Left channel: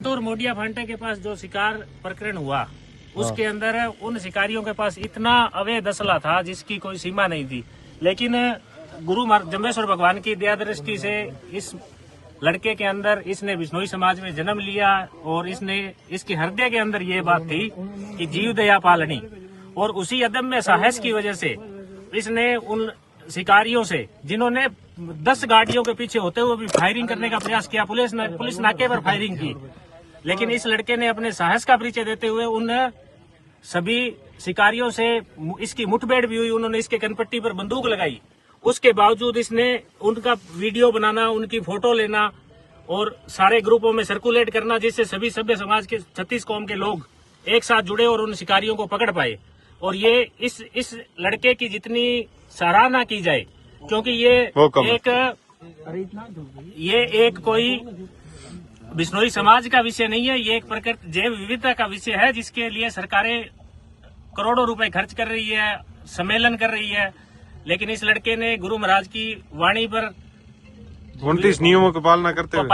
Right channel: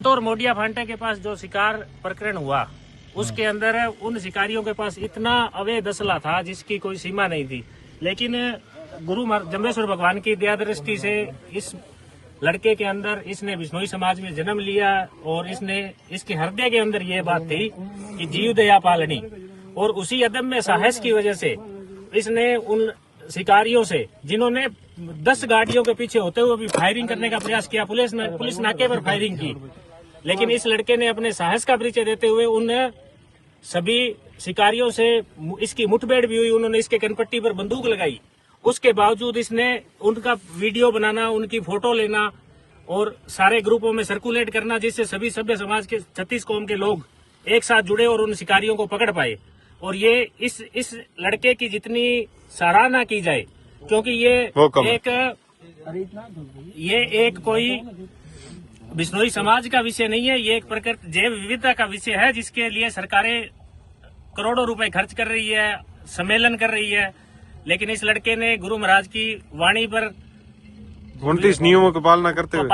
और मोडिया फांटे के पास जो शिकार प्रकरण हुआ उसके अंदर उन शिकारियों के पास इतना अवैध असला था जिसकी कोई सीमा नहीं थी। लेकिन गुरु जम्बेश्वर भगवान की दया दृष्टि से इस लड़के के अंदर इसने बिश्नोई समाज में जन्म लिया और इसके हृदय के अंदर ये बात थी कि जीव दया पालनी, और उसी अदम्य साहस की वजह से इसने उन शिकारियों से जिन्होंने 10 गाड़ियों के पीछे होते हुए भी फायरिंग करने का प्रयास किया, पुलिस नाके पर फायरिंग की, लेकिन इस लड़के ने अपने साहस का परिचय देते हुए उन सभी शिकारियों से इसकी मुठभेड़ भी हुई। उन्होंने इसके कनपट्टी पर बंदूक लगाई, उसके बावजूद इसने उनका वीडियो बनाना, उनकी फोटो लेना और सारे ग्रुपों में सर्कुलेट करना, जिससे सभी सभ्य समाज के 36 कौम के लोग एक साथ जुड़े और उन शिकारियों को पकड़ पाए। और ये इस लड़के की जितनी सराहना की जाए, क्योंकि ये एक कोई बिश्नोई समाज का विषय नहीं है, ये एक प्रकृति जैव विविधता का विषय है, जिसके लिए सरकारें करोड़ों रुपए खर्च कर रही है, सम्मेलन कर रही है। लेकिन इस लड़के ने गुरु महाराज की वाणी पर 29 नियमों की पालना करते हुए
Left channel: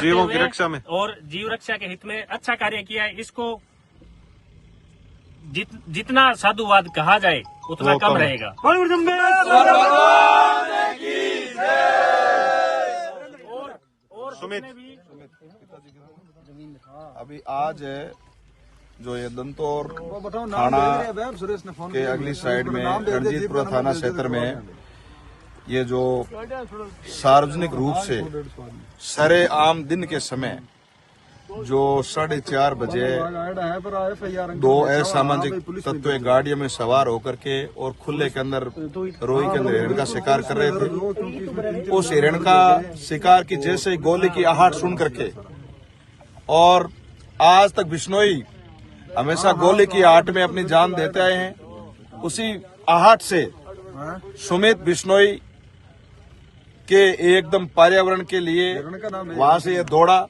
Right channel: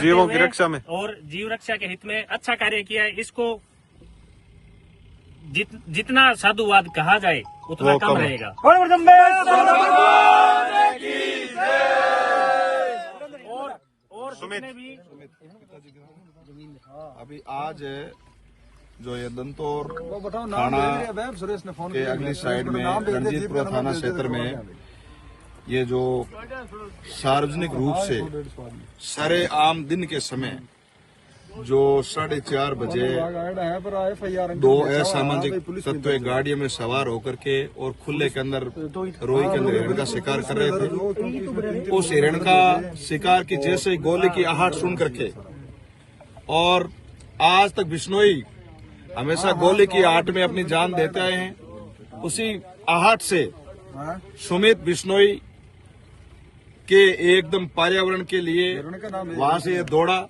जीवों की रक्षा में और जीव रक्षा के हित में अच्छा कार्य किया है। इसको जितना साधुवाद कहा जाए उतना कम रहेगा। अभी आज जो ये दंतौर थाना के अगली साइड में रणजीतपुरा थाना क्षेत्र में ये जो सार्वजनिक रूप से सरे आम दिन के समय जो 4:30 बजे 2 असामाजिक तत्व गाड़ियों में सवार होकर के और खुले के अंदर रोही के अंदर हिरण का शिकार कर रहे थे। उस हिरण का शिकार की जैसे गोली की आहट सुन करके, और आज तक बिश्नोई हमेशा गोली की आहट में अपनी जान देते आए हैं, उसी आहट से सुमित बिश्नोई के एकदम पर्यावरण के लिए वहां से ये दौड़ा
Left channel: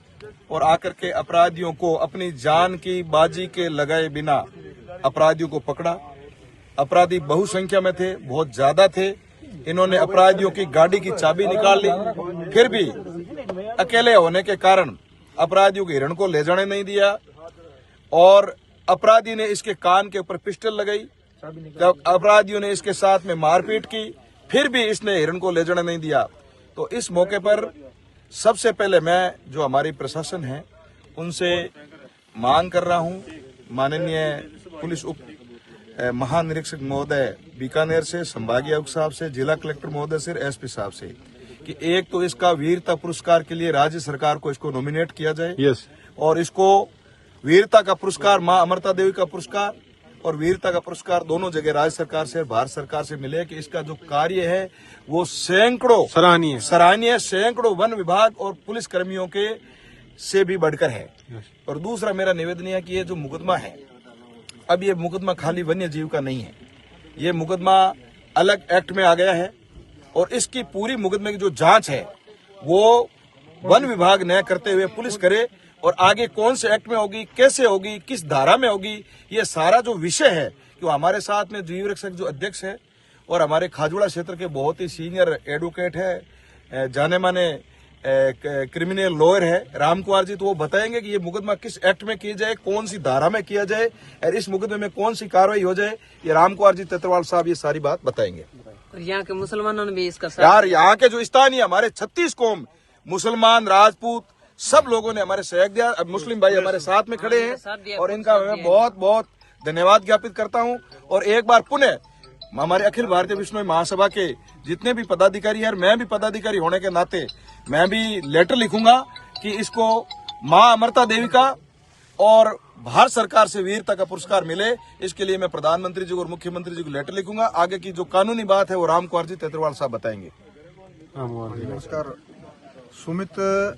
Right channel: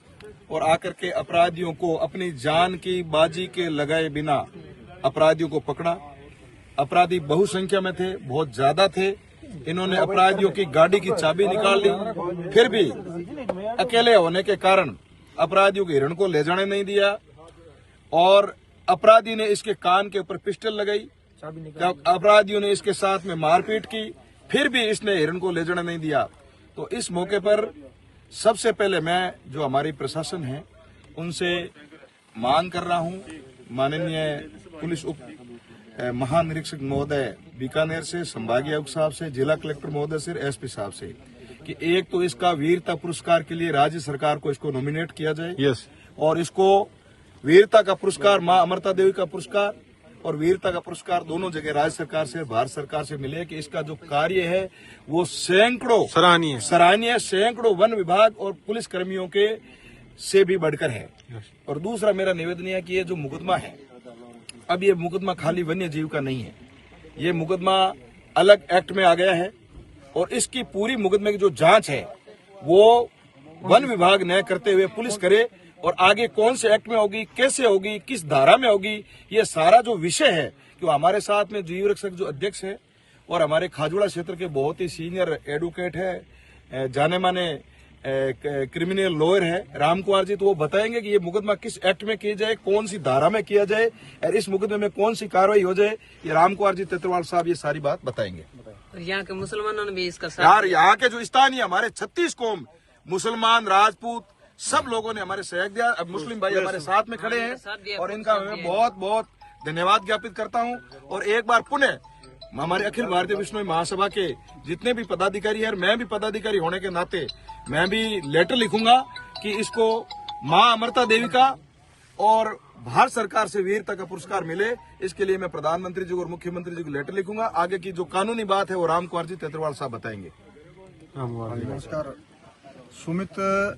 और आकर के अपराधियों को अपनी जान की बाजी के लगाए बिना अपराधियों को पकड़ा। अपराधी बहुसंख्या में थे, बहुत ज्यादा थे। इन्होंने अपराधियों की गाड़ी की चाबी निकाल ली, फिर भी अकेले होने के कारण अपराधियों को हिरण को ले जाने नहीं दिया, और अपराधी ने इसके कान के ऊपर पिस्टल लगाई। जब अपराधियों ने इसके साथ में मारपीट की, फिर भी इसने हिरण को ले जाने नहीं दिया। तो इस मौके पर सबसे पहले मैं जो हमारी प्रशासन है उनसे मांग कर रहा हूं, माननीय पुलिस उप महानिरीक्षक महोदय बीकानेर से, संभागीय आयुक्त साहब से, जिला कलेक्टर महोदय से, एसपी साहब से, कि एक तो इसका वीरता पुरस्कार के लिए राज्य सरकार को इसको नॉमिनेट किया जाए, और इसको वीरता का पुरस्कार मां अमृता देवी का पुरस्कार और वीरता का पुरस्कार दोनों जगह राज्य सरकार से, भारत सरकार से मिले, कि इसका जो कार्य है वो सैकड़ों सराहनीय सैकड़ों वन विभाग और पुलिस कर्मियों के से भी बढ़कर है। और दूसरा मेरा निवेदन है कि ये जो मुकदमा है, अब ये मुकदमा खाली वन्य जीव का नहीं है, ये मुकदमा अलग एक्ट में आ गया है, और इसकी पूरी मुकदमे की जो जांच है वो वन विभाग न करते हुए पुलिस करे, और आगे कौन से एक्ट में होगी, कैसे होगी, किस धारा में होगी, ये सारा जो विषय है, कि हमारे साथ में जीव रक्षक जो अध्यक्ष है और हमारे खाजुड़ा क्षेत्र के बहुत ही सीनियर एडवोकेट है, जाने माने क्रिमिनल लॉयर है राम कुमार जी, तो वो बताएंगे कि ये मुकदमा किस एक्ट में किया जाए, कौन सी धारा में किया जाए, और इस मुकदमे में कौन सी कार्रवाई हो जाए। ये राम कुमार जी तेतरवाल साहब ये सारी बात बताएंगे। यहाँ के मुसलमानों ने भी इसका यार, यहाँ के जो स्थानीय हमारे 36 कौम, मुसलमान, राजपूत, सब लोगों ने हमारे सहयोग दिया। अब मुस्लिम भाई हमारे साथ में खड़े हैं और इनका मैं बहुत बहुत धन्यवाद ज्ञापित करता हूं। और एक बार पुनः हमारे अखिल भारतीय बिश्नोई महासभा के जितने भी पदाधिकारी हैं, मैं भी पदाधिकारी होने के नाते मैं भी लेटर लिखूंगा कि इसको मां अमृता देवी का और भारत सरकार से वीरता का पुरस्कार मिले। इसके लिए मैं प्रधानमंत्री जी और मुख्यमंत्री जी को लेटर लिखूंगा। आगे की जो कानूनी बात है वो राम कुमार जी तेतरवाल साहब बताएंगे। नमस्कार। सुमित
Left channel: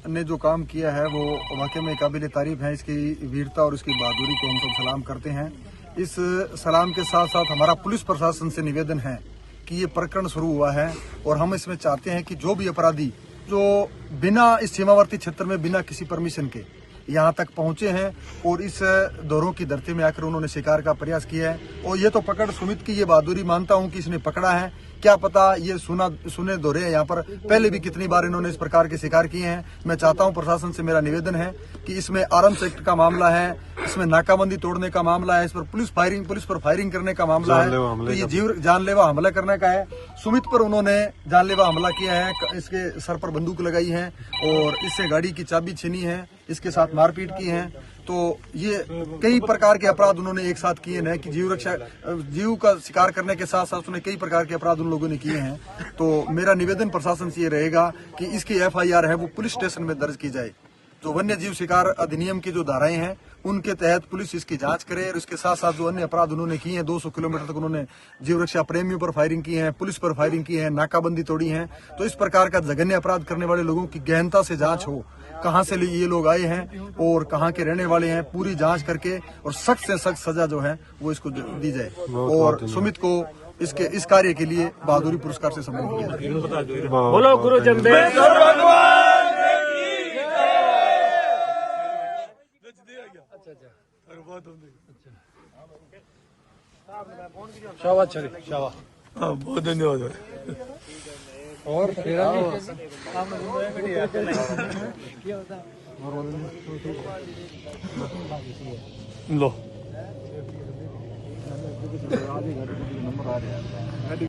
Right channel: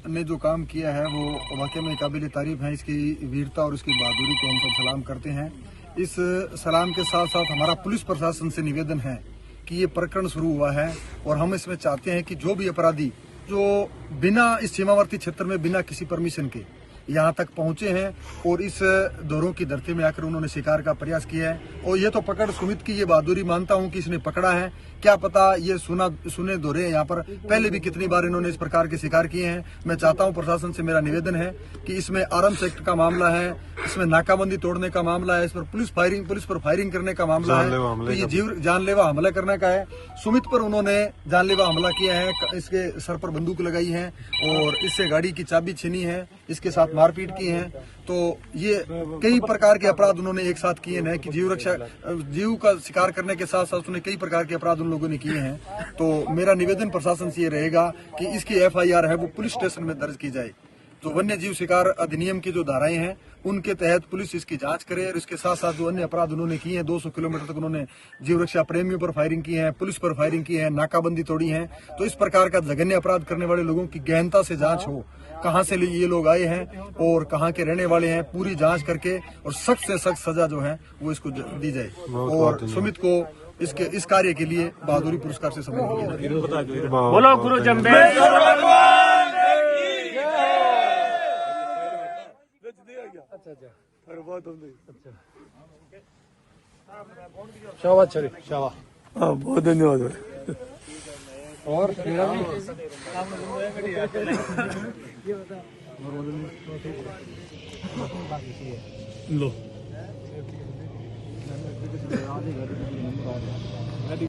ने जो काम किया है वो वाकई में काबिल तारीफ है। इसकी वीरता और इसकी बहादुरी को हम सब सलाम करते हैं। इस सलाम के साथ साथ हमारा पुलिस प्रशासन से निवेदन है कि ये प्रकरण शुरू हुआ है, और हम इसमें चाहते हैं कि जो भी अपराधी जो बिना इस सीमावर्ती क्षेत्र में बिना किसी परमिशन के यहाँ तक पहुंचे हैं और इस दौरों की धरती में आकर उन्होंने शिकार का प्रयास किया है, और ये तो पकड़ सुमित की ये बहादुरी मानता हूं कि इसने पकड़ा है, क्या पता ये सुने दो रहे हैं यहाँ पर, पहले भी कितनी बार इन्होंने इस प्रकार के शिकार किए हैं। मैं चाहता हूँ प्रशासन से मेरा निवेदन है कि इसमें आर्म्स एक्ट का मामला है, इसमें नाकाबंदी तोड़ने का मामला है, इस पर पुलिस पर फायरिंग करने का मामला है, तो ये जानलेवा हमला करने का है। सुमित पर उन्होंने जानलेवा हमला किया है, इसके सर पर बंदूक लगाई है और इससे गाड़ी की चाबी छीनी है, इसके साथ मारपीट की है। तो ये कई प्रकार के अपराध उन्होंने एक साथ किए हैं कि जीव का शिकार करने के साथ साथ उन्हें कई प्रकार के अपराध उन लोगों ने किए हैं। तो मेरा निवेदन प्रशासन से ये रहेगा कि इसकी FIR है वो पुलिस स्टेशन में दर्ज की जाए। तो वन्य जीव शिकार अधिनियम की जो धाराएं हैं उनके तहत पुलिस इसकी जांच करे और इसके साथ साथ जो अन्य अपराध उन्होंने किए हैं, 200 किलोमीटर तक उन्होंने जीव रक्षा प्रेमियों पर फायरिंग की है, पुलिस पर फायरिंग की है, नाकाबंदी तोड़ी है। तो इस प्रकार का जघन्य अपराध करने वाले लोगों की गहनता से जांच हो, कहां से ये लोग आए हैं और कहां के रहने वाले हैं, पूरी जांच करके और सख्त से सख्त सजा जो है वो इसको दी जाए। और सुमित को इस कार्य के लिए बहादुरी पुरस्कार से सम्मानित किया जाए। बोलो गुरु जमशेद। बहुत धन्यवाद। और लो